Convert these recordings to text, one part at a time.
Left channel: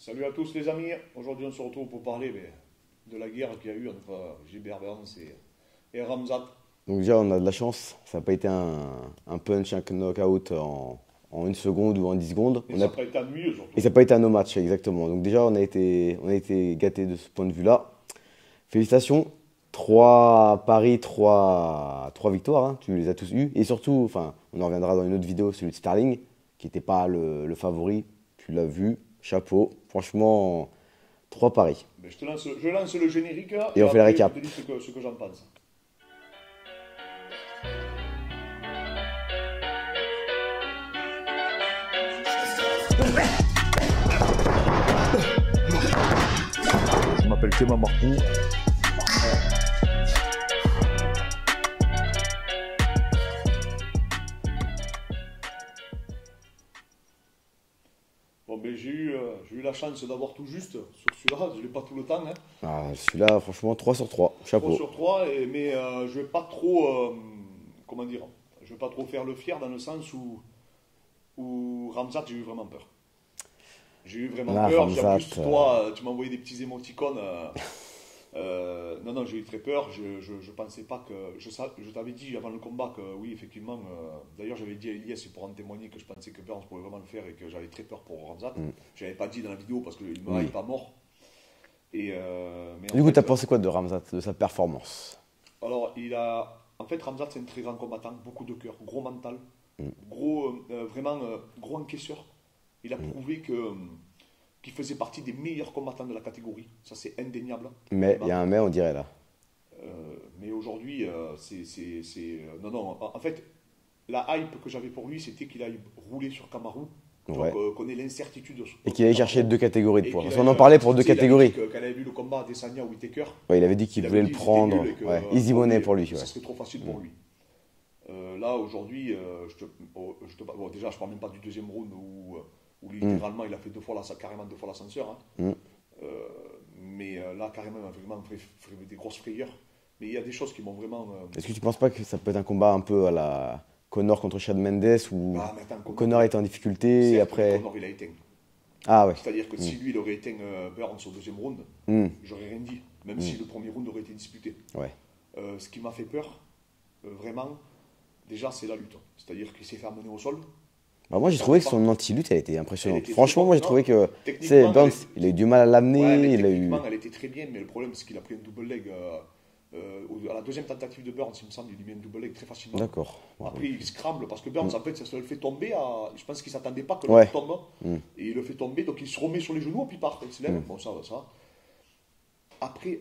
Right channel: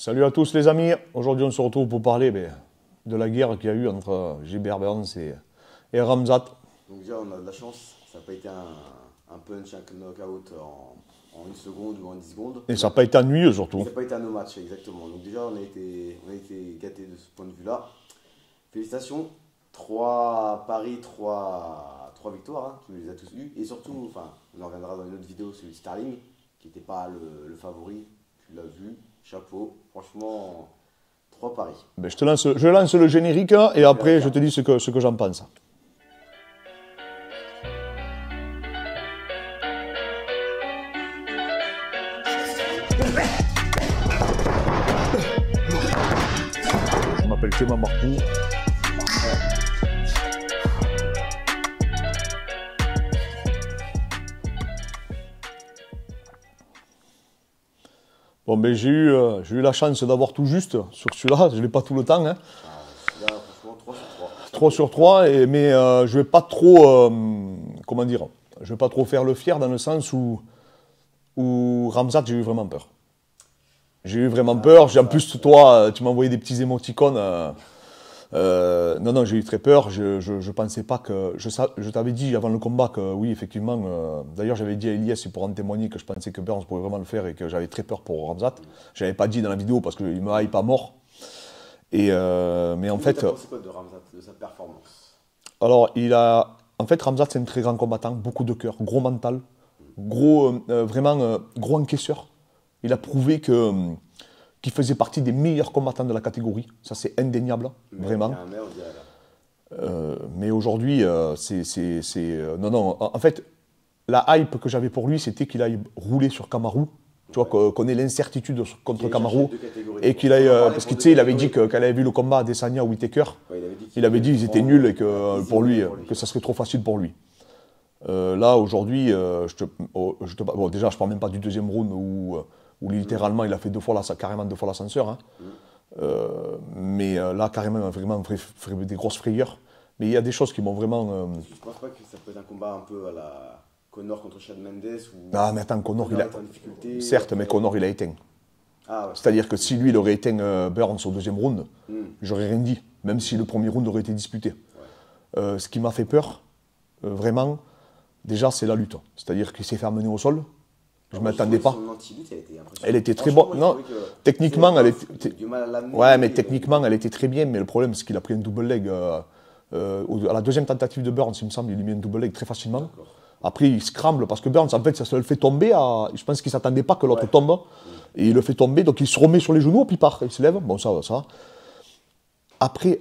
Salut à tous les amis, aujourd'hui on se retrouve pour parler de la guerre qu'il y a eu entre Gilbert Burns et Khamzat. Donc déjà on a de la chance, ça n'a pas été un punch, un knockout en 1 seconde ou en 10 secondes. Et ça n'a pas été ennuyeux surtout. Et ça n'a pas été un no match, exactement. Donc déjà on a été gâtés de ce point de vue-là. Félicitations, 3 paris, 3 victoires, hein. Tu les as tous eus. Et surtout, enfin, on en reviendra dans une autre vidéo, celui de Sterling, qui n'était pas le favori, tu l'as vu, chapeau. Franchement, 3 paris. Je lance le générique hein, et après je te dis ce que j'en pense. Je m'appelle Clément Marcoux. Bon, j'ai eu la chance d'avoir tout juste sur celui-là, je n'ai pas tout le temps. Hein. Ah, celui-là, franchement, 3 sur 3. Chapeau. 3 sur 3, mais je ne vais pas trop, comment dire, je vais pas trop faire le fier dans le sens où Khamzat, j'ai eu vraiment peur. J'ai eu vraiment peur. En plus, toi, tu m'as envoyé des petits émoticônes. Non, j'ai eu très peur. Je pensais pas que. Je t'avais dit avant le combat que oui, effectivement. D'ailleurs, j'avais dit à Elias, pour en témoigner, que je pensais que Burns pourrait vraiment le faire et que j'avais très peur pour Khamzat. Je n'avais pas dit dans la vidéo parce qu'il me hype à mort. Mais en fait. Tu as pensé quoi de Khamzat, de sa performance? Alors, en fait, Khamzat, c'est un très grand combattant, beaucoup de cœur, gros mental, vraiment gros encaisseur. Il a prouvé qu'il faisait partie des meilleurs combattants de la catégorie. Ça, c'est indéniable. Mais il y a un mais, on dirait là. Mais aujourd'hui, non. En fait, la hype que j'avais pour lui, c'était qu'il aille rouler sur Kamaru. Tu vois, qu'on ait l'incertitude contre Kamaru. Qu'il cherché 2 catégories. Et qu'il a parlé pour 2 catégories. Il avait dit qu'elle avait vu le combat à Adesanya ou Whittaker. Ouais, il avait dit qu'ils étaient nuls et que, que ça serait trop facile pour lui. Là, aujourd'hui, bon, déjà, je ne parle même pas du deuxième round où littéralement il a fait carrément 2 fois l'ascenseur. Hein. Mais là, carrément, vraiment des grosses frayeurs. Mais il y a des choses qui m'ont vraiment. Est-ce que tu ne penses pas que ça peut être un combat un peu à la Conor contre Chad Mendes où ah, mais attends, Conor était en difficulté? Certes, mais Conor il a éteint. Ah ouais. C'est-à-dire que si lui il aurait éteint Burns au deuxième round, j'aurais rien dit, même si le premier round aurait été disputé. Ouais. Ce qui m'a fait peur, vraiment, déjà c'est la lutte. C'est-à-dire qu'il s'est fait amener au sol. Moi, j'ai trouvé que son anti-lutte, elle était impressionnante. Elle était très bonne. Moi, j'ai trouvé que techniquement, il a eu du mal à l'amener. Ouais, mais techniquement, elle était très bien. Mais le problème, c'est qu'il a pris un double leg. À la deuxième tentative de Burns, il me semble, il lui met un double leg très facilement. D'accord. Après, il scramble parce que Burns, en fait, ça le fait tomber. Je pense qu'il ne s'attendait pas que l'autre tombe. Et il le fait tomber, donc il se remet sur les genoux, puis il part. Il se lève. Bon, ça va. Après,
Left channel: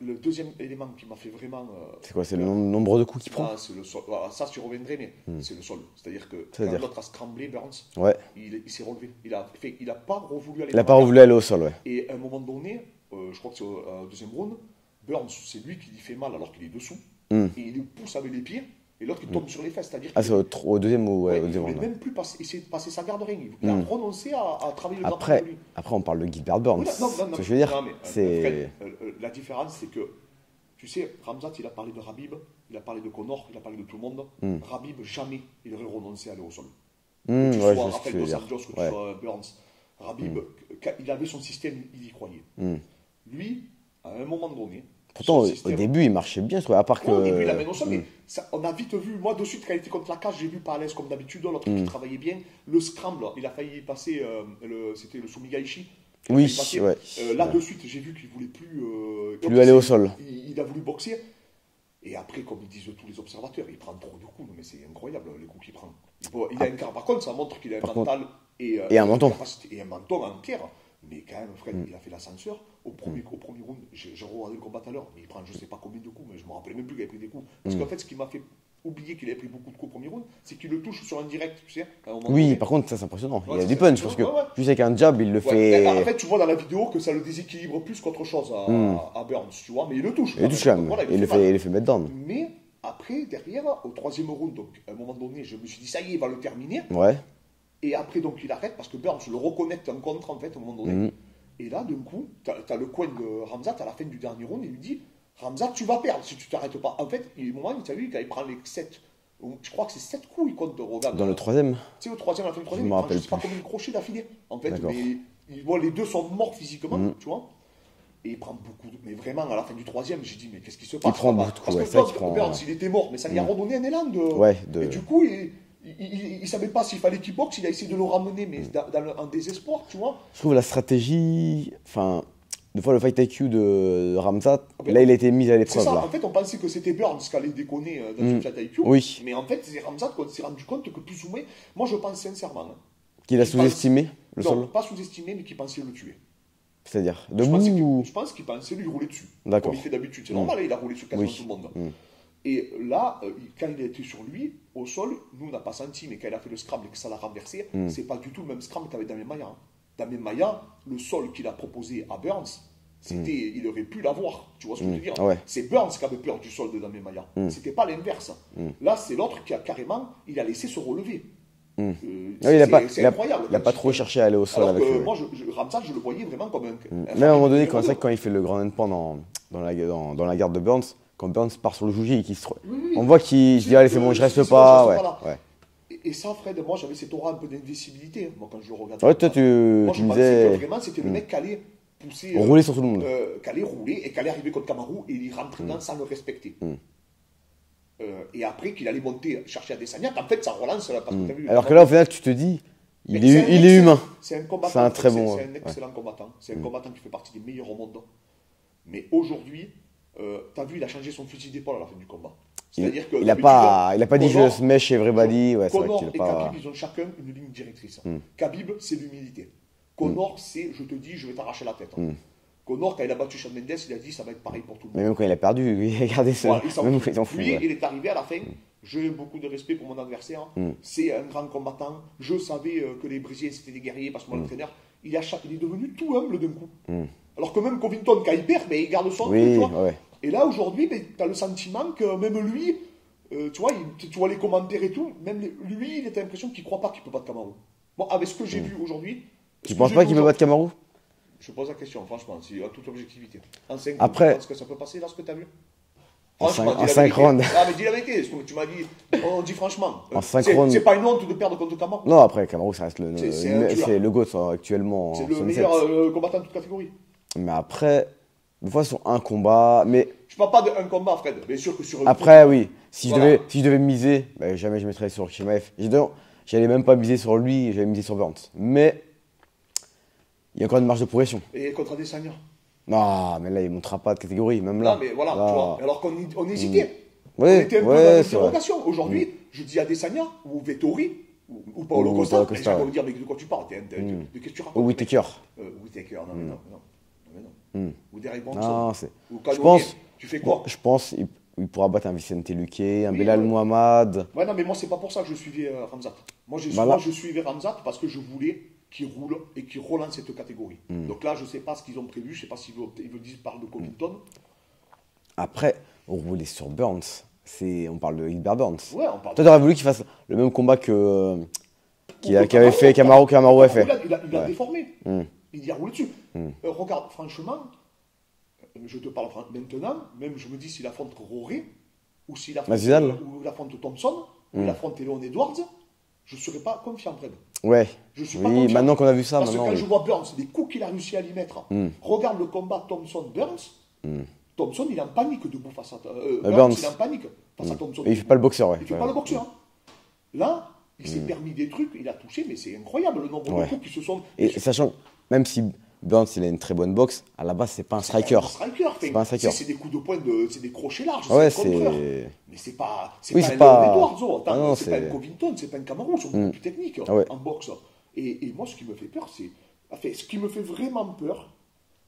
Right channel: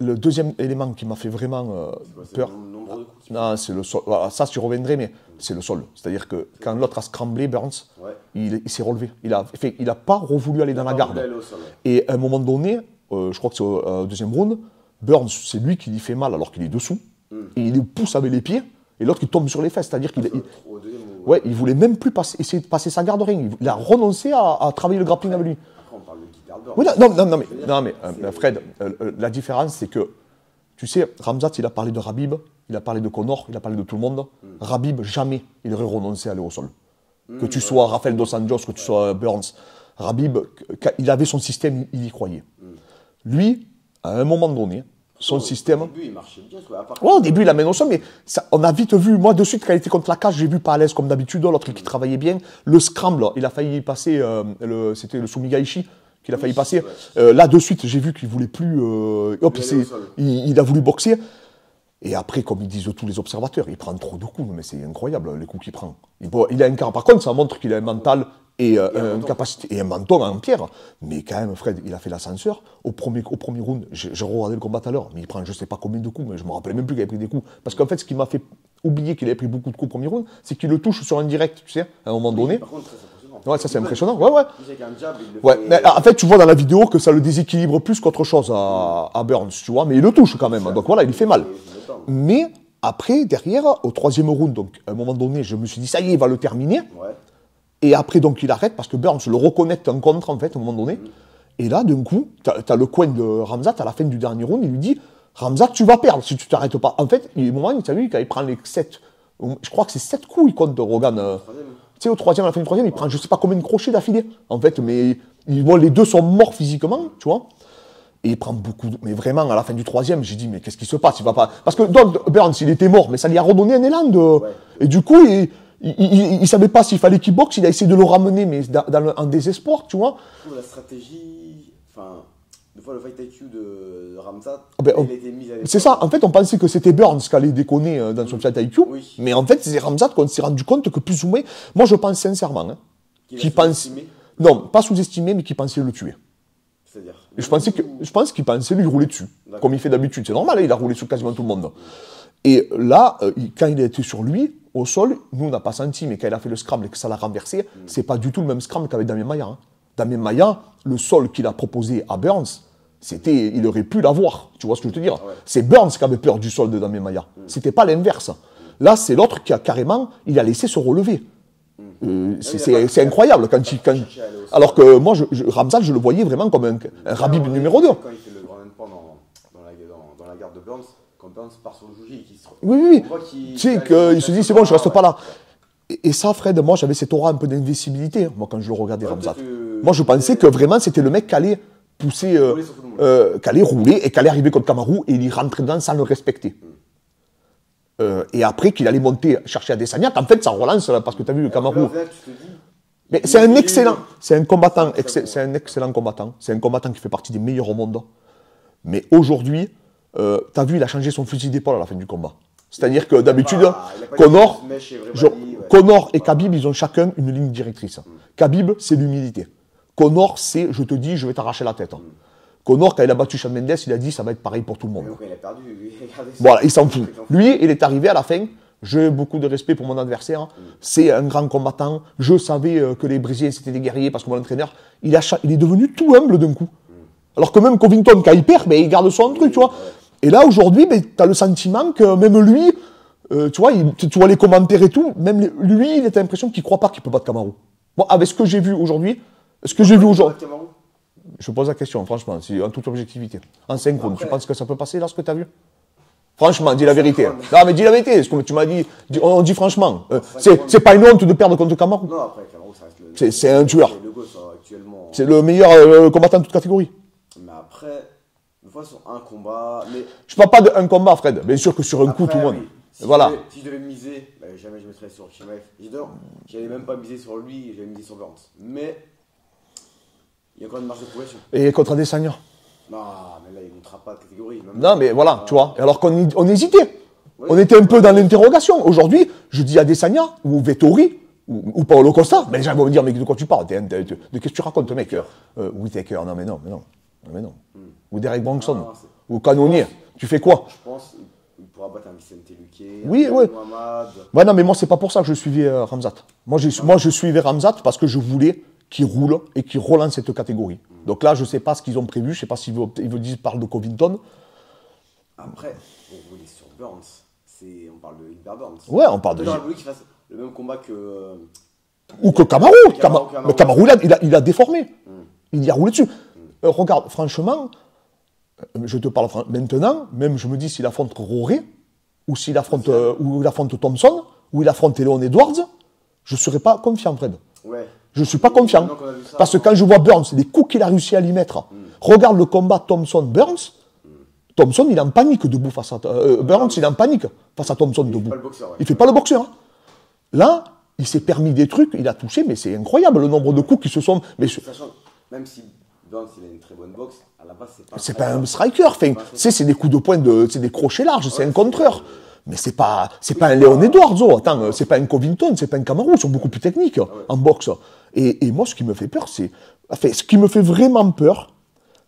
le deuxième élément qui m'a fait vraiment. C'est quoi? C'est le nombre de coups qu'il prend? Non, c'est le sol. Voilà, ça, j'y reviendrai, mais c'est le sol. C'est-à-dire que quand l'autre a scramblé, Burns, il s'est relevé. Il n'a pas voulu aller dans la garde. Il n'a pas voulu aller au sol, ouais. Et à un moment donné, je crois que c'est au deuxième round, Burns, c'est lui qui lui fait mal alors qu'il est dessous. Et il le pousse avec les pieds. Et l'autre qui tombe sur les fesses, c'est-à-dire qu'il au deuxième ou il voulait même plus essayer de passer sa garde ring. Il a renoncé à travailler le grappling avec lui. Après, on parle de Gilbert Burns. Oui, non, mais Fred, la différence, c'est que, tu sais, Khamzat, il a parlé de Khabib, il a parlé de Conor, il a parlé de tout le monde. Khabib, jamais il aurait renoncé à aller au sol. Que tu sois Rafael Dos Anjos, que tu sois Burns. Khabib, il avait son système, il y croyait. Lui, à un moment donné, son système. Au début, il marchait bien. Au début, il amène au sol, mais on a vite vu. Moi, de suite, quand il était contre la cage, j'ai vu pas à l'aise comme d'habitude. L'autre qui travaillait bien. Le scramble, il a failli passer. C'était le Sumigaishi qu'il a failli passer. Là, de suite, j'ai vu qu'il voulait plus. Aller au sol. Il a voulu boxer. Et après, comme ils disent tous les observateurs, il prend trop de coups. Mais c'est incroyable les coups qu'il prend. Il a un quart. Par contre, ça montre qu'il a un mental. Et un menton. Et un menton en pierre. Mais quand même, Fred, il a fait l'ascenseur. Au premier round, j'ai regardé le combat tout à l'heure, mais il prend je ne sais pas combien de coups, mais je ne me rappelais même plus qu'il avait pris des coups. Parce qu'en fait, ce qui m'a fait oublier qu'il avait pris beaucoup de coups au premier round, c'est qu'il le touche sur un direct, tu sais, à un moment donné. Par contre, ça c'est impressionnant. Ouais, ça c'est impressionnant. Plus avec un jab, il le fait. Mais, en fait, tu vois dans la vidéo que ça le déséquilibre plus qu'autre chose à Burns, tu vois, mais il le touche quand même. Donc voilà, il fait mal. Il fait mettre down. Mais après, derrière, au troisième round, donc à un moment donné, je me suis dit, ça y est, il va le terminer. Ouais. Et après, donc, il arrête parce que Burns le reconnecte en contre, en fait, à un moment donné. Et là, d'un coup, tu as le coin de Khamzat à la fin du dernier round, il lui dit Khamzat, tu vas perdre si tu t'arrêtes pas. En fait, il y a un moment, tu as vu, quand il prend les 7, je crois que c'est 7 coups, il compte de Rogan. Au troisième. Tu sais, au troisième, à la fin du troisième, il prend je sais pas combien de crochets d'affilée. En fait, mais Bon, les deux sont morts physiquement, tu vois. Et il prend beaucoup mais vraiment, à la fin du troisième, j'ai dit, mais qu'est-ce qui se passe? Parce que Burns, il était mort, mais ça lui a redonné un élan Et du coup, il savait pas s'il fallait qu'il boxe, il a essayé de le ramener, mais en désespoir, tu vois. Je trouve la stratégie, enfin, des fois le fight IQ de Khamzat, là il a été mis à l'épreuve. C'est ça, en fait on pensait que c'était Burns qui allait déconner dans son fight IQ, mais en fait c'est Khamzat qu'on s'est rendu compte que plus ou moins, moi je pense sincèrement, qu'il a sous-estimé. Non, pas sous-estimé, mais qu'il pensait le tuer. C'est-à-dire je pense qu'il pensait lui rouler dessus, comme il fait d'habitude. C'est normal, il a roulé sur quasiment tout le monde. Et là, quand il a été sur lui, au sol, nous on n'a pas senti, mais quand il a fait le scramble et que ça l'a renversé, c'est pas du tout le même scramble qu'avec Damien Maia. Damien Maia, le sol qu'il a proposé à Burns, il aurait pu l'avoir, tu vois ce que je veux te dire. C'est Burns qui avait peur du sol de Damien Maia. C'était pas l'inverse. Là, c'est l'autre qui a carrément, il a laissé se relever. C'est incroyable quand il cherché à aller au sol. Alors que moi, Khamzat, je le voyais vraiment comme un Khabib numéro 2. Quand il fait le grand endpoint dans la garde de Burns, quand Burns part sur le juge et qu'il se... Oui. On voit qu'il se dit, c'est bon, je reste pas là. Et ça, Fred, moi, j'avais cette aura un peu d'invisibilité, moi, quand je le regardais. Moi, je pensais que vraiment, c'était le mec qui allait pousser, rouler sur tout le monde. qui allait rouler et qui allait arriver contre Kamaru et il y rentrait dedans sans le respecter. Et après qu'il allait monter, chercher Adesanya, en fait, ça relance là, parce que tu as vu. Alors que là, au final, tu te dis. C'est un excellent. C'est un combattant. C'est un excellent combattant. C'est un combattant qui fait partie des meilleurs au monde. Mais aujourd'hui, tu as vu, il a changé son fusil d'épaule à la fin du combat. C'est-à-dire que d'habitude, Conor et Khabib, ils ont chacun une ligne directrice. Khabib, c'est l'humilité. Conor, c'est je te dis, je vais t'arracher la tête. Conor, quand il a battu Shawn Mendes, il a dit ça va être pareil pour tout le monde. Mais même quand il a perdu, il a gardé ça. Voilà, il s'en fout. Lui, il est arrivé à la fin. J'ai beaucoup de respect pour mon adversaire. C'est un grand combattant. Je savais que les Brésiliens, c'était des guerriers parce que mon entraîneur, il est devenu tout humble d'un coup. Alors que même Covington, quand il perd, il garde son truc, tu vois. Et là, aujourd'hui, tu as le sentiment que même lui, tu vois les commentaires et tout, même lui, il a l'impression qu'il ne croit pas qu'il peut battre Kamaru. Bon, avec ce que j'ai vu aujourd'hui, je pose la question, franchement, en toute objectivité. En 5 rounds, tu penses que ça peut passer là, ce que tu as vu? Franchement, dis la vérité. Non, mais dis la vérité, ce que tu m'as dit, on dit franchement. C'est pas une honte de perdre contre Kamaru. Non, après, Kamaru, ça reste c'est un tueur. C'est le GOAT actuellement. C'est le meilleur combattant de toute catégorie. Mais après, des fois, sur un combat. Mais je parle pas d'un combat, Fred. Bien sûr que sur un coup. Après, oui. Si je devais miser, jamais je mettrais sur Chimaev. J'allais même pas miser sur lui, j'allais miser sur Burns. Mais il y a encore une marge de progression. Et contre Adesanya? Non, mais là, il ne montera pas de catégorie. Même non, là. mais voilà, tu vois. Alors qu'on hésitait. On était un peu dans l'interrogation. Aujourd'hui, je dis Adesanya ou Vettori ou Paulo Costa. Mais j'aimerais me dire, mais de quoi tu parles? De qu'est-ce que tu racontes? Whittaker. Whittaker, non, mais non. Ou Derek Bronson. Ou Cannonier. Tu fais quoi? Je pense qu'il pourra battre un Vicente Luque, un Belal Muhammad. Ouais, non, mais moi, c'est pas pour ça que je suivais Khamzat. Moi, je suivais Khamzat parce que je voulais qui roule et qui relance cette catégorie. Donc là, je ne sais pas ce qu'ils ont prévu, je ne sais pas s'ils parlent de Covington. Après, on roulait sur Burns, on parle de Gilbert Burns. Ouais, on parle Toi, t'aurais voulu qu'il fasse le même combat que... Ou que Kamaru. Kamaru, il a déformé. Il y a roulé dessus. Regarde, franchement, je te parle maintenant, même je me dis s'il affronte Roré, ou s'il affronte Thompson, ou il affronte Leon Edwards, je ne serais pas confiant, Fred. Ouais. Je ne suis pas confiant. Qu'on a vu ça, parce que quand je vois Burns, les coups qu'il a réussi à lui mettre, regarde le combat Thompson-Burns. Thompson, il est en panique debout face à. Burns, il est en panique face à Thompson. Il ne fait pas le boxeur. Ouais. Il ne fait pas le boxeur. Hein. Là, il s'est permis des trucs, il a touché, mais c'est incroyable le nombre de coups qui se sont. Mais sachant, même si Burns, il a une très bonne boxe, à la base, c'est pas un striker. C'est pas un striker. C'est des coups de poing, c'est des crochets larges, c'est un contreur. Mais c'est pas un Leon Edwards. Attends, c'est pas un Covington, c'est pas un Kamaru, ils sont beaucoup plus techniques en boxe. Et moi, ce qui me fait peur, ce qui me fait vraiment peur,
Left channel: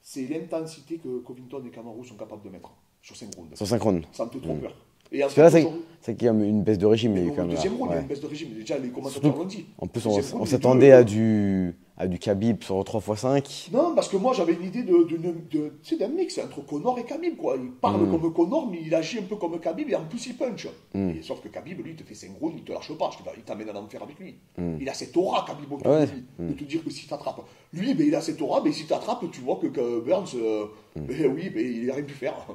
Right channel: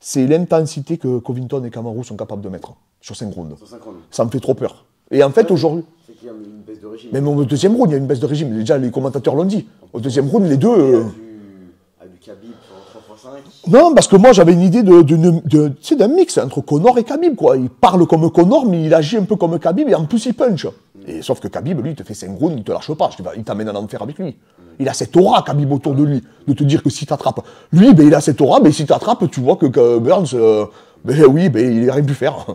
c'est l'intensité que Covington et Kamaru sont capables de mettre sur 5 rounds. Sur 5 rounds. Ça me fait trop peur. Et en fait, aujourd'hui. C'est qu'il y a une baisse de régime. Même au deuxième round, il y a une baisse de régime. Déjà, les commentateurs l'ont dit. Au deuxième round, les deux. À du Khabib sur 3x5. Non, parce que moi j'avais une idée d'un mix entre Conor et Khabib, quoi. Il parle comme Conor, mais il agit un peu comme Khabib et en plus il punch. Et sauf que Khabib, lui, il te fait 5 rounds, il te lâche pas. Il t'amène en enfer avec lui. Il a cette aura, Khabib, autour de lui, de te dire que si t'attrapes. Lui, il a cette aura, mais si t'attrapes, tu vois que Burns, il n'a rien pu faire.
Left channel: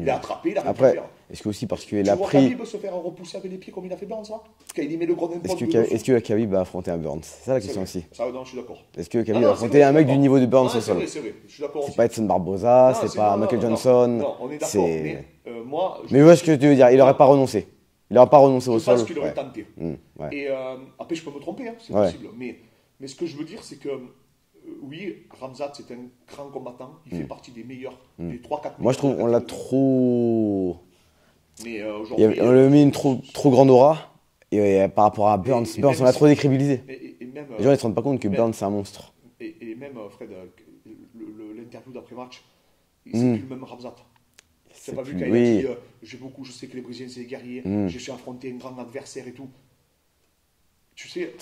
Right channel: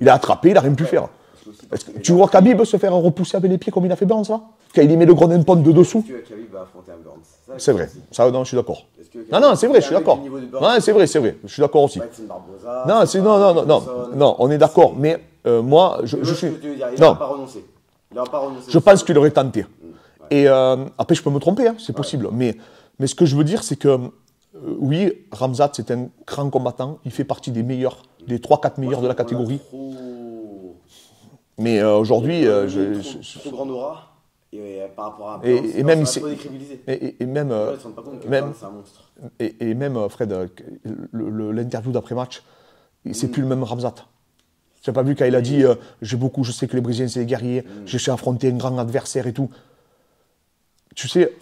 Il a attrapé, il n'a rien pu faire. Est-ce que aussi parce que Tu vois Khabib se faire repousser avec les pieds comme il a fait Burns là? Quand il met le ground and pound de dessous. Est-ce que Khabib va affronter un Burns? C'est ça la C'est question vrai. aussi. Ça, non, je suis d'accord. Est-ce que Khabib Non, c'est vrai, je suis un mec d'accord. du niveau de Burns? Ouais, c'est vrai. Je suis d'accord aussi. C'est pas Edson Barboza. Non, c'est pas Michael Johnson. non, on est d'accord. Mais moi, Mais vois ce que tu veux dire. Il n'aura pas renoncé. Il n'aura pas renoncé. Je pense qu'il aurait tenté. Ouais. Et après, je peux me tromper, hein, c'est possible. Mais ce que je veux dire, c'est que oui, Khamzat, c'est un grand combattant. Il fait partie des meilleurs, des 3-4 meilleurs de la catégorie. Trop. Mais aujourd'hui. Il a mis une trop grande aura. Et par rapport à Burns, et même on a trop décrédibilisé. Et même, les gens ne se rendent pas compte que Burns, c'est un monstre. Et même, Fred, l'interview d'après-match, c'est plus le même Khamzat. Tu n'as pas vu quand il a dit je sais que les Brésiliens, c'est des guerriers, je sais affronter un grand adversaire et tout. Tu sais,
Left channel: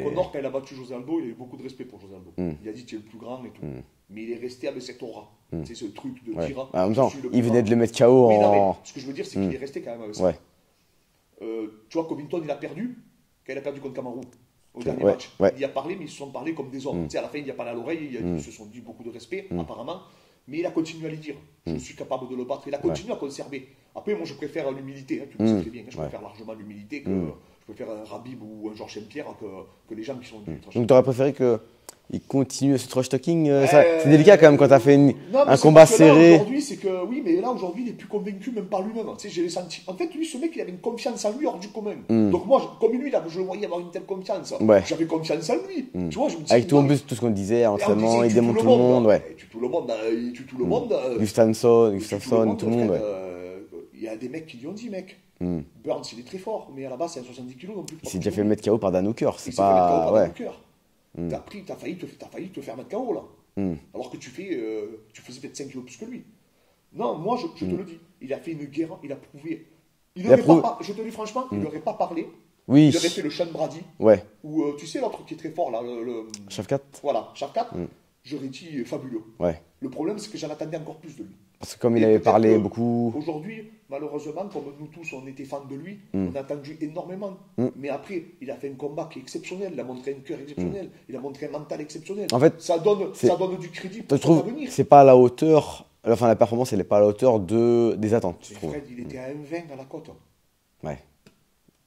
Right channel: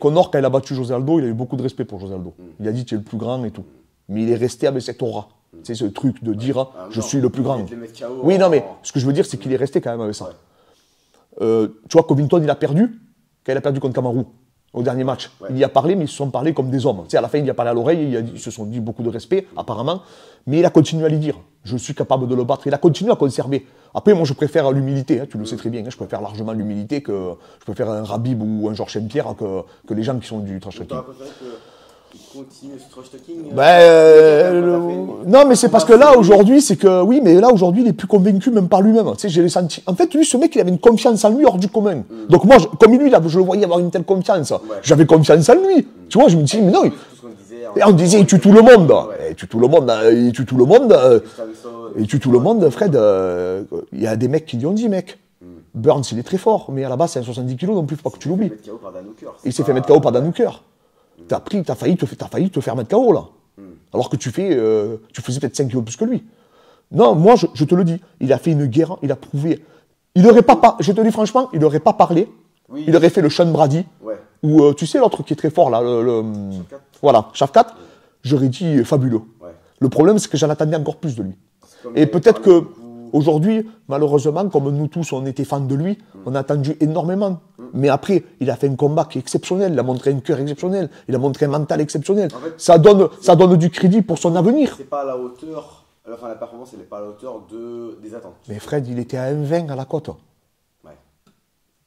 Conor, quand il a battu José Aldo, il a eu beaucoup de respect pour José Aldo. Il a dit tu es le plus grand et tout. Mais il est resté avec cette aura. C'est ce truc de dire je suis le plus grand. Il venait de le mettre KO. Oui, non, mais ce que je veux dire, c'est qu'il est resté quand même avec ça. Tu vois, Covington, il a perdu quand il a perdu contre Kamaru au dernier match. Il y a parlé, mais ils se sont parlé comme des hommes. Tu sais, à la fin, il y a parlé à l'oreille, ils se sont dit beaucoup de respect, apparemment. Mais il a continué à lui dire je suis capable de le battre. Il a continué à conserver. Après, moi, je préfère l'humilité. Hein, tu le sais très bien. Hein, je préfère largement l'humilité que je préfère un Khabib ou un Georges Saint-Pierre que les gens qui sont du trash talking. Donc, tu aurais préféré qu'il continue ce trash talking c'est délicat quand même quand tu as fait une. Non, mais c'est parce que là, aujourd'hui, c'est que. Oui, mais là, aujourd'hui, il est plus convaincu même par lui-même. Tu sais, j'ai senti. En fait, lui, ce mec, il avait une confiance en lui hors du commun. Donc, moi, comme lui, là, je le voyais avoir une telle confiance. J'avais confiance en lui. Tu vois, je me dis, mais non. Tout ce qu'on disait. Et on disait, il tue tout le monde. Il tue tout le monde. Il tue tout le monde. Il tue tout le monde, Fred. Il y a des mecs qui lui ont dit, mec. Burns, il est très fort, mais à la base, c'est un 70 kg non plus. Il s'est fait mettre KO par Dan Hooker. Il s'est fait mettre KO par Dan Hooker. T'as failli te faire mettre KO, là. Alors que tu faisais peut-être 5 kilos plus que lui. Non, moi, je te le dis, il a fait une guerre, il a prouvé. Je te dis franchement, il n'aurait pas parlé. Oui. Il aurait fait le Sean Brady. Ou, tu sais, l'autre qui est très fort, là. Shavkat. Voilà, Shavkat. J'aurais dit fabuleux. Le problème, c'est que j'en attendais encore plus de lui. Et peut-être qu'aujourd'hui, malheureusement, comme nous tous, on était fans de lui, on a attendu énormément. Mais après, il a fait un combat qui est exceptionnel, il a montré un cœur exceptionnel, il a montré un mental exceptionnel. En fait, ça donne du crédit pour son avenir. C'est pas à la hauteur, enfin la performance, elle n'est pas à la hauteur des attentes. Mais Fred, il était à 1,20 à la cote. Ouais.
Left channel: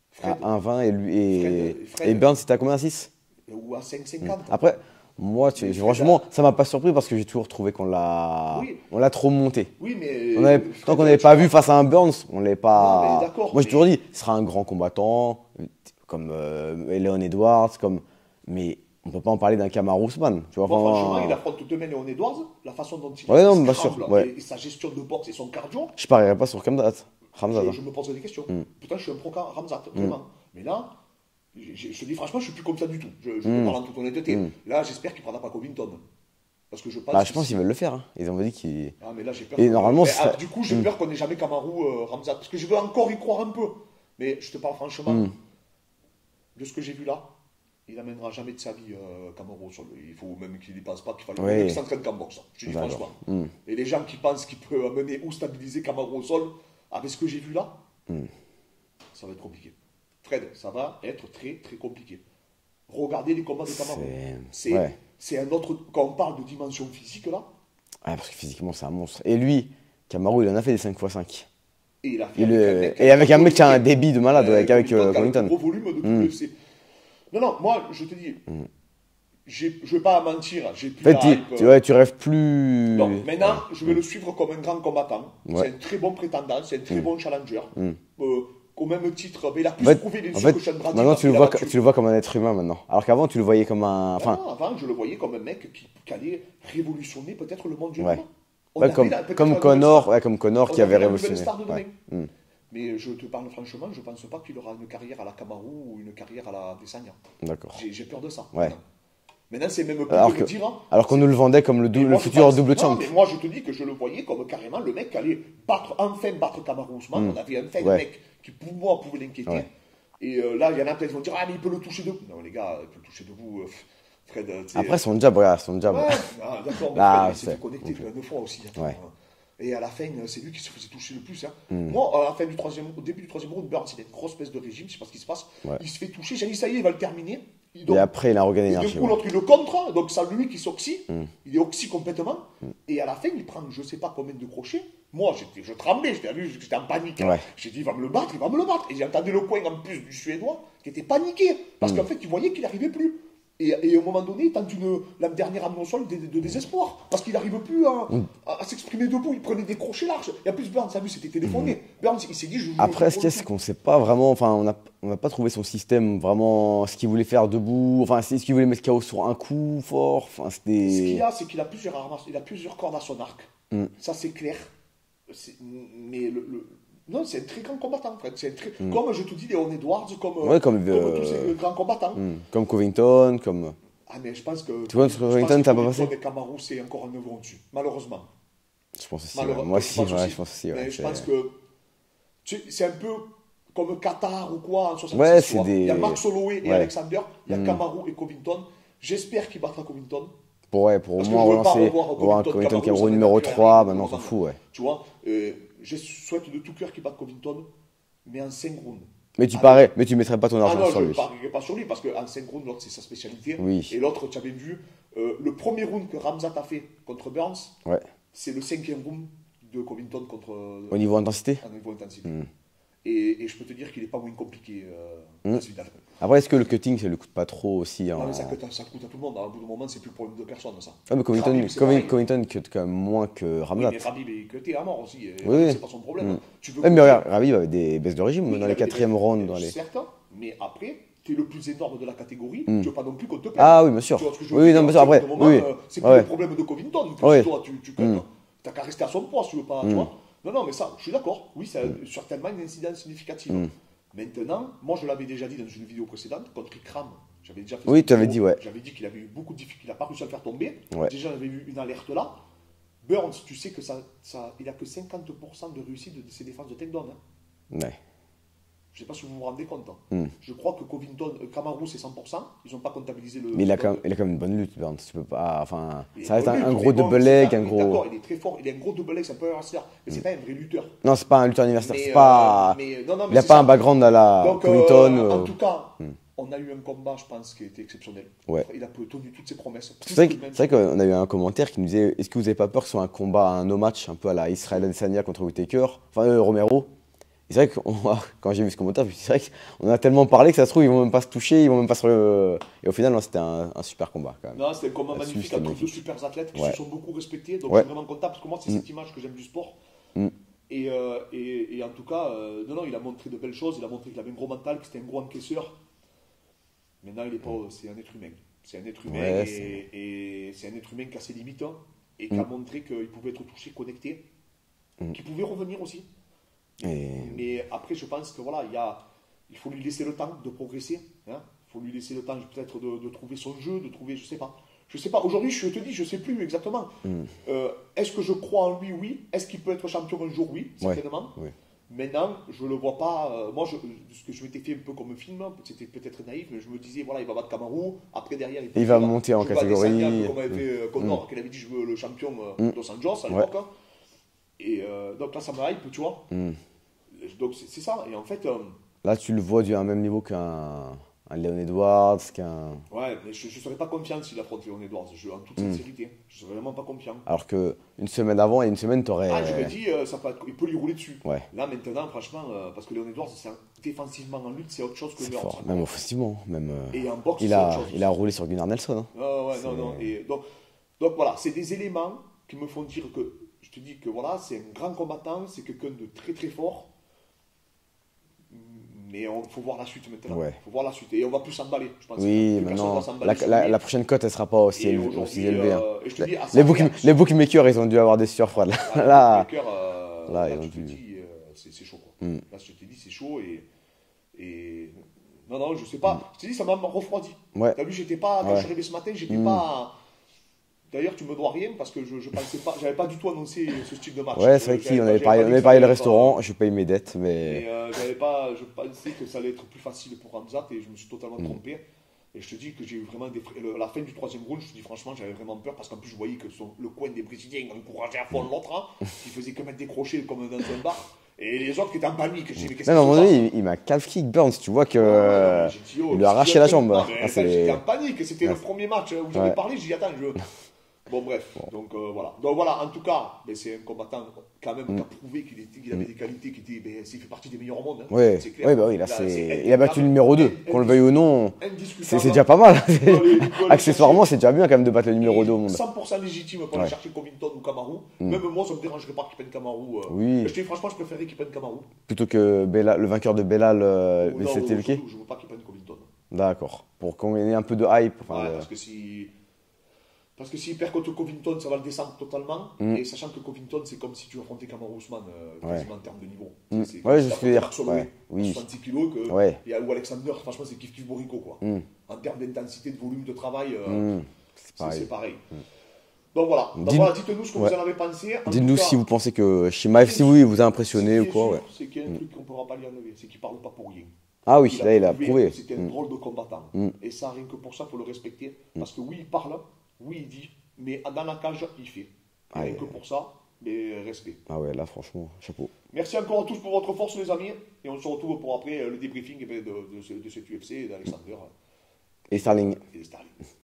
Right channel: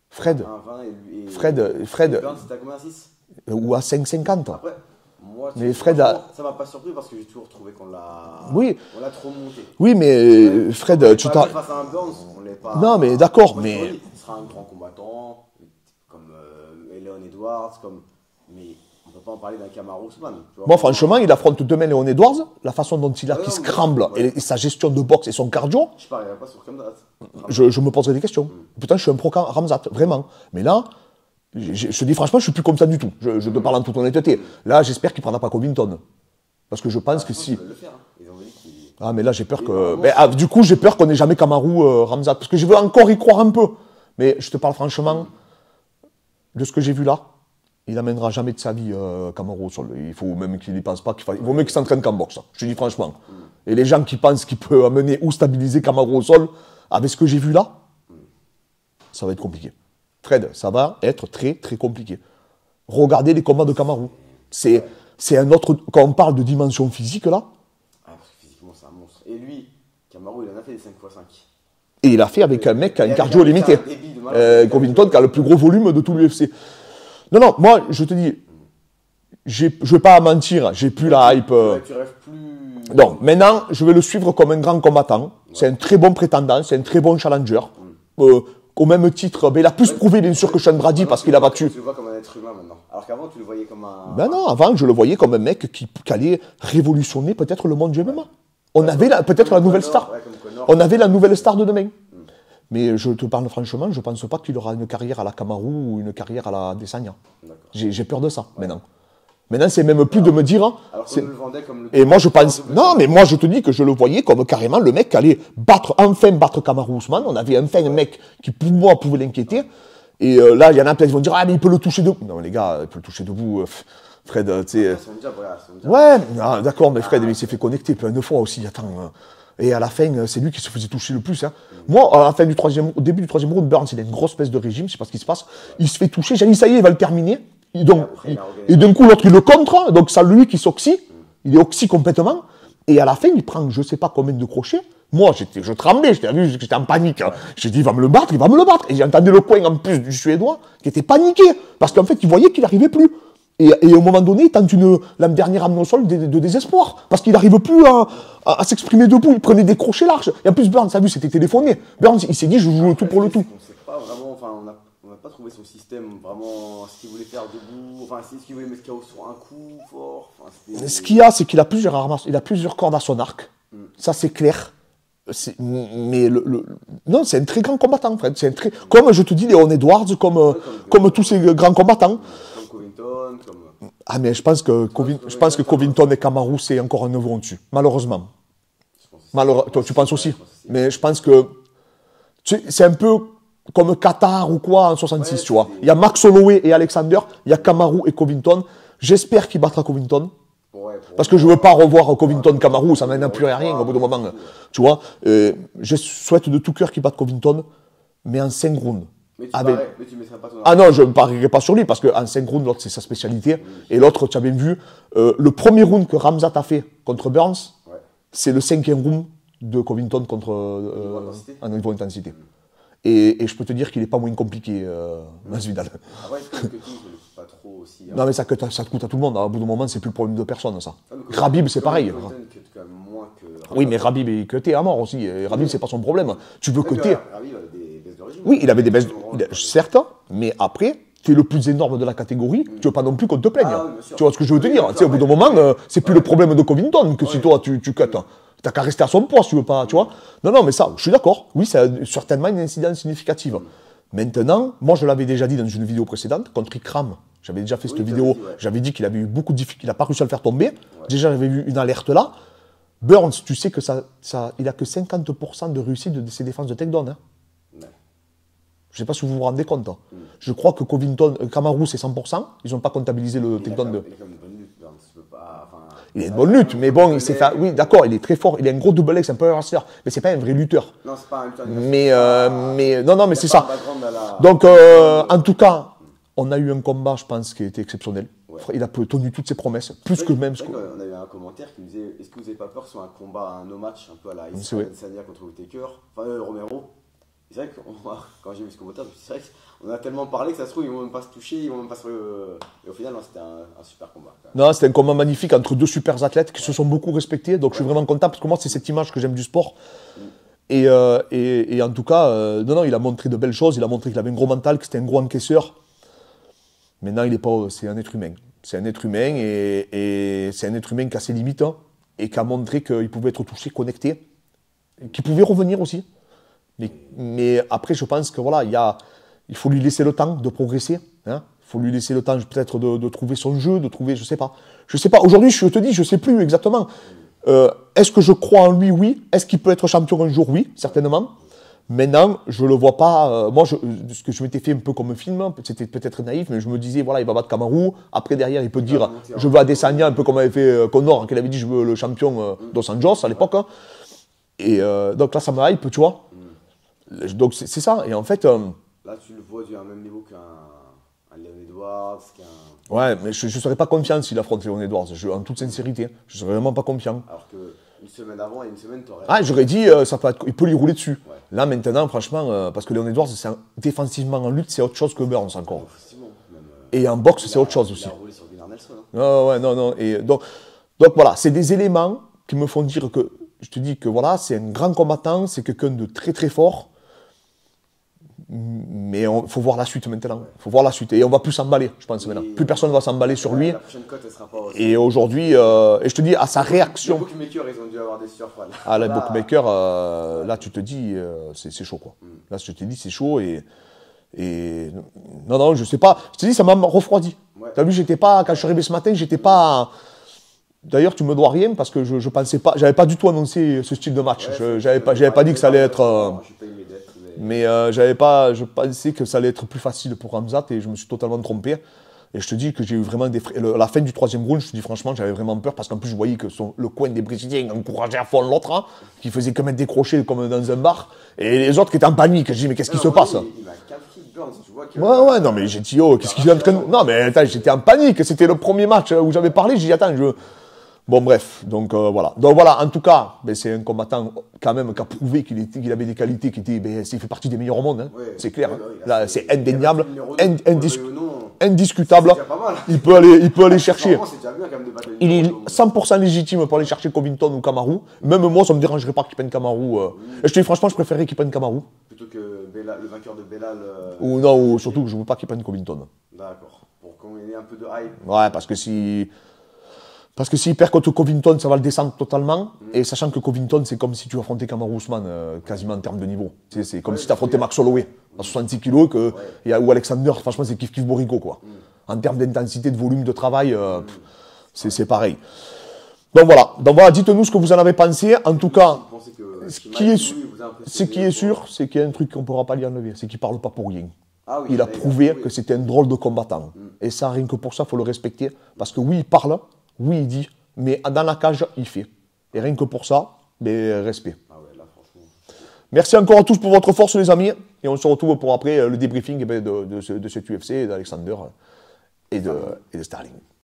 Fred. À 1,20 et lui. Et Fred. Burns, c'était à combien, 6 ou à 5,50. Après. Moi, franchement, ça m'a pas surpris parce que j'ai toujours trouvé qu'on l'a trop monté. Oui, mais Fred, on l'avait pas vu face à un Burns, on l'avait pas. Non, mais d'accord. Moi, j'ai toujours dit, ce sera un grand combattant, comme Leon Edwards, mais on peut pas en parler d'un Kamaru Usman. Bon, franchement, il affronte demain Leon Edwards, la façon dont il a scramble et sa gestion de boxe et son cardio. Je parierais pas sur Khamzat. Je me poserai des questions. Pourtant, je suis un pro Khamzat, vraiment. Mais là. Je te dis franchement, je suis plus comme ça du tout. Je te parle en toute honnêteté. Là, j'espère qu'il ne prendra pas Covington. Parce que je pense que qu'ils veulent le faire. Hein. Ils ont dit qu'ils. Ah, mais là, j'ai peur que. Du coup, j'ai peur qu'on n'ait jamais Kamaru Khamzat. Parce que je veux encore y croire un peu. Mais je te parle franchement, de ce que j'ai vu là, il n'amènera jamais de sa vie Kamaru au sol. Il faut même qu'il n'y pense pas. Il vaut mieux qu'il s'entraîne qu'en boxe. Je te dis franchement. Et les gens qui pensent qu'il peut amener ou stabiliser Kamaru au sol, avec ce que j'ai vu là, ça va être compliqué. Fred, ça va être très très compliqué. Regardez les combats de Kamaru. C'est un autre. Quand on parle de dimension physique là. Parce que physiquement c'est un monstre. Et lui, Kamaru, il en a fait des 5x5. Et il a fait avec un mec qui a un débit de malade. Covington qui a le plus gros volume de tout l'UFC. Non, moi je te dis, je ne vais pas mentir, j'ai plus la hype. Tu rêves plus. Non, maintenant je vais le suivre comme un grand combattant. C'est un très bon prétendant, c'est un très bon challenger. Au même titre, il a plus prouvé bien sûr que Sean Brady parce qu'il a battu. Tu le vois comme un être humain maintenant. Alors qu'avant, tu le voyais comme un. Non, avant, je le voyais comme un mec qui allait révolutionner peut-être le monde du MMA. On avait peut-être la nouvelle star. Comme Conor. On avait la nouvelle star de demain. Mais je te parle franchement, je ne pense pas qu'il aura une carrière à la Kamaru ou une carrière à la Adesanya. D'accord. J'ai peur de ça maintenant. Maintenant, c'est même plus de me dire. Alors qu'on nous le vendait comme le double. Et moi, je pense. Non, mais moi, je te dis que je le voyais comme carrément le mec qui allait enfin battre Kamaru Usman. On avait enfin un mec qui, pour moi, pouvait l'inquiéter. Et là, il y en a plein qui vont dire ah, mais il peut le toucher debout. Non, les gars, il peut le toucher debout. Fred, tu sais. Après, son jab. Ouais, d'accord, mais Fred, il s'est fait connecter plein de fois aussi. Attends. Et à la fin, c'est lui qui se faisait toucher le plus. Hein. Moi, à la fin au début du troisième round, Burns, il a une grosse baisse de régime, je ne sais pas ce qui se passe. Il se fait toucher, j'ai dit ça y est, il va le terminer. Donc, et après, il a organisé. Et d'un coup, l'autre, il le contre, donc ça, lui qui s'oxy, il est oxy complètement. Et à la fin, il prend je ne sais pas combien de crochets. Moi, je tremblais, j'étais en panique. Ouais. J'ai dit, il va me le battre. Et j'entendais le coin en plus du Suédois qui était paniqué. Parce qu'en fait, il voyait qu'il n'arrivait plus. Et au moment donné, il tente la dernière amenée au sol de désespoir. Parce qu'il n'arrive plus à s'exprimer debout. Il prenait des crochets larges. Et en plus, Burns, ça a vu, c'était téléphoné. Burns, il s'est dit, je joue le tout pour le tout. Qu'on sait pas vraiment, enfin, on n'a pas trouvé son système vraiment, ce qu'il voulait faire debout, enfin, est-ce qu'il voulait mettre KO sur un coup fort. Enfin, ce qu'il y a, c'est qu'il a plusieurs armes, il a plusieurs cordes à son arc. Ça, c'est clair. Mais non, c'est un très grand combattant, en fait. Comme je te dis, Léon Edwards, comme tous ces grands combattants. Comme Covington, comme. Ah, mais je pense que Covington et Kamaru, c'est encore un niveau au-dessus, malheureusement. Je pense aussi. Toi, tu penses aussi. Je pense aussi, mais je pense que c'est un peu comme Qatar ou quoi en 66, tu vois. Il y a Max Holloway et Alexander, il y a Kamaru et Covington. J'espère qu'il battra Covington. Parce que je ne veux pas revoir Covington-Kamaru, ça n'en a plus rien au bout d'un moment. Tu vois, je souhaite de tout cœur qu'il batte Covington, mais en 5 rounds. Mais tu ne mettrais pas ton argent. Ah non, je ne parierais pas sur lui, parce qu'en 5 rounds, l'autre, c'est sa spécialité. Oui. Et l'autre, tu as bien vu, le premier round que Khamzat a fait contre Burns, c'est le 5e round de Covington contre. Au niveau intensité. Au niveau intensité. Et je peux te dire qu'il n'est pas moins compliqué, Masvidal. Après, est-ce que le cutting, ça ne le coûte pas trop aussi Non, mais ça coûte à tout le monde. Au bout d'un moment, c'est plus le problème de personne, ça. Ah, Khabib, c'est pareil. Covington cut quand même moins que Khamzat. Oui, mais Khabib est cuté à mort aussi. Et Khabib, c'est pas son problème. Tu veux mais Khabib avait des baisses de régime. Oui, il avait des baisses de régime. Certes, mais après, tu es le plus énorme de la catégorie. Tu ne veux pas non plus qu'on te plaigne. Ah oui, bien sûr. Tu vois ce que je veux te dire. Au bout d'un moment, c'est plus le problème de Covington que si toi, tu cuts. T'as qu'à rester à son poids si tu veux pas, tu vois. Non, mais ça, je suis d'accord. Oui, ça a certainement une incidence significative. Maintenant, moi je l'avais déjà dit dans une vidéo précédente, contre Ikram, j'avais déjà fait cette vidéo, j'avais dit qu'il avait eu beaucoup de difficultés, il n'a pas réussi à le faire tomber. Déjà j'avais vu une alerte là. Burns, tu sais que il a que 50% de réussite de ses défenses de takedown. Je ne sais pas si vous vous rendez compte. Je crois que Kamaru c'est 100%, ils n'ont pas comptabilisé le takedown. Il a quand même une bonne lutte, Burns. Tu peux pas, il a une bonne lutte, mais bon, d'accord, il est très fort, il a un gros double leg, c'est un peu un wrestler, mais c'est pas un vrai lutteur. Non, c'est pas un lutteur universel. Mais c'est ça. Il a pas un background à la. Donc, en tout cas, on a eu un combat, je pense, qui a été exceptionnel. Il a tenu toutes ses promesses. C'est vrai qu'on a eu un commentaire qui nous disait est-ce que vous n'avez pas peur que ce soit un combat, un no match, un peu à la Israel Adesanya contre Whittaker, enfin Romero. C'est vrai que quand j'ai vu ce commentaire, c'est vrai qu'on a tellement parlé que ça se trouve, ils vont même pas se toucher, ils vont même pas se. Et au final, c'était un super combat. Quand même. Non, c'était un combat magnifique entre deux super athlètes qui se sont beaucoup respectés. Donc je suis vraiment content parce que moi, c'est cette image que j'aime du sport. Et en tout cas, il a montré de belles choses. Il a montré qu'il avait un gros mental, que c'était un gros encaisseur. Maintenant, il est pas. C'est un être humain. C'est un être humain et c'est un être humain qui a ses limites et qui a montré qu'il pouvait être touché, connecté, qu'il pouvait revenir aussi. Mais après, je pense que voilà, il faut lui laisser le temps de progresser. Il faut lui laisser le temps peut-être de trouver son jeu, de trouver, je sais pas. Aujourd'hui, je te dis, je sais plus exactement. Est-ce que je crois en lui? Oui. Est-ce qu'il peut être champion un jour? Oui, certainement. Maintenant, je le vois pas. Moi, ce que je m'étais fait un peu comme un film, c'était peut-être naïf, mais je me disais, voilà, il va battre Kamaru. Après, derrière, il peut dire, je veux Adesanya, un peu comme avait fait Conor, qu'il avait dit, je veux le champion Dos Anjos à l'époque. Et donc là, ça me hype, tu vois. Donc c'est ça, et en fait... là, tu le vois à un même niveau qu'un Léon Edwards, Ouais, mais je ne serais pas confiant s'il affronte Léon Edwards, en toute sincérité. Je ne serais vraiment pas confiant. Alors qu'une semaine avant et une semaine, tu aurais... Ah, j'aurais dit, il peut lui rouler dessus. Là, maintenant, franchement, parce que Léon Edwards, défensivement en lutte, c'est autre chose que Burns. Effectivement, même... Et en boxe, c'est autre chose aussi. Il a roulé sur Gunnar Nelson. Non. Et donc voilà, c'est des éléments qui me font dire que, je te dis que voilà, c'est un grand combattant, c'est quelqu'un de très très fort. Mais il faut voir la suite maintenant. Il faut voir la suite. Et on va plus s'emballer, je pense. Plus personne ne va s'emballer sur lui. La prochaine cote, elle sera pas aussi. Et aujourd'hui, et je te dis, à sa réaction. Les bookmakers, ils ont dû avoir des sueurs froides. Les bookmakers, là, tu te dis, c'est chaud, quoi. Là, je te dis, c'est chaud. Et non, je sais pas. Je te dis, ça m'a refroidi. T'as vu, j'étais pas, quand je suis arrivé ce matin, j'étais pas. D'ailleurs, tu me dois rien parce que je pensais pas, j'avais pas du tout annoncé ce style de match. J'avais pas dit que ça allait être. Je paye mes dettes, mais je pensais que ça allait être plus facile pour Khamzat et je me suis totalement trompé. Et je te dis que j'ai eu vraiment des la fin du 3e round, je te dis franchement, j'avais vraiment peur parce qu'en plus je voyais que le coin des Brésiliens encourageait à fond l'autre, qui faisait que mettre des crochets comme dans un bar. Et les autres qui étaient en panique. Je dis, mais qu'est-ce qui se passe? Il m'a calf kick Burns, tu vois que. Non, mais j'ai dit, oh, qu'est-ce qu'il y a? Non, mais attends, j'étais en panique. C'était le premier match où j'avais parlé. J'ai dit, attends, Bon, bref, donc voilà. Donc voilà, en tout cas, ben, c'est un combattant quand même qui a prouvé qu'il avait des qualités, il fait partie des meilleurs au monde. Hein. Ouais. C'est clair. Ouais, bah oui, là, c'est il a battu indéniable. le numéro 2. On le veuille ou non, c'est Indiscutable. déjà pas mal. Il peut aller chercher. C'est déjà bien quand même de battre le Il numéro est 2 au monde. 100% légitime pour aller chercher Covington ou Kamaru. Même moi, ça ne me dérangerait pas qu'il prenne Kamaru. Oui. Je te dis franchement, je préférerais qu'il prenne Kamaru. Plutôt que le vainqueur de Belal. Ou non, ou surtout que je ne veux pas qu'il prenne Covington. D'accord. Pour qu'on ait un peu de hype. Ouais, parce que s'il perd contre Covington, ça va le descendre totalement. Et sachant que Covington, c'est comme si tu affrontais Kamaru Usman, quasiment en termes de niveau. C'est comme si tu affrontais Max Holloway à 66 kilos ou Alexander. Franchement, c'est kiff Borico, quoi. En termes d'intensité, de volume de travail, c'est pareil. Donc voilà, dites-nous ce que vous en avez pensé. En tout cas, si vous pensez que Chimaev, si oui, vous a impressionné. Ce qui est sûr, c'est qu'il y a un truc qu'on ne pourra pas lui enlever, c'est qu'il ne parle pas pour rien. Ah oui, il a prouvé que c'était un drôle de combattant. Et ça, rien que pour ça, il faut le respecter. Parce que oui, il parle, oui, il dit, mais dans la cage, il fait. Et rien que pour ça, respect. Ah ouais, là, franchement, chapeau. Merci encore à tous pour votre force, les amis. Et on se retrouve pour après le débriefing de cet UFC, d'Alexander et de Sterling.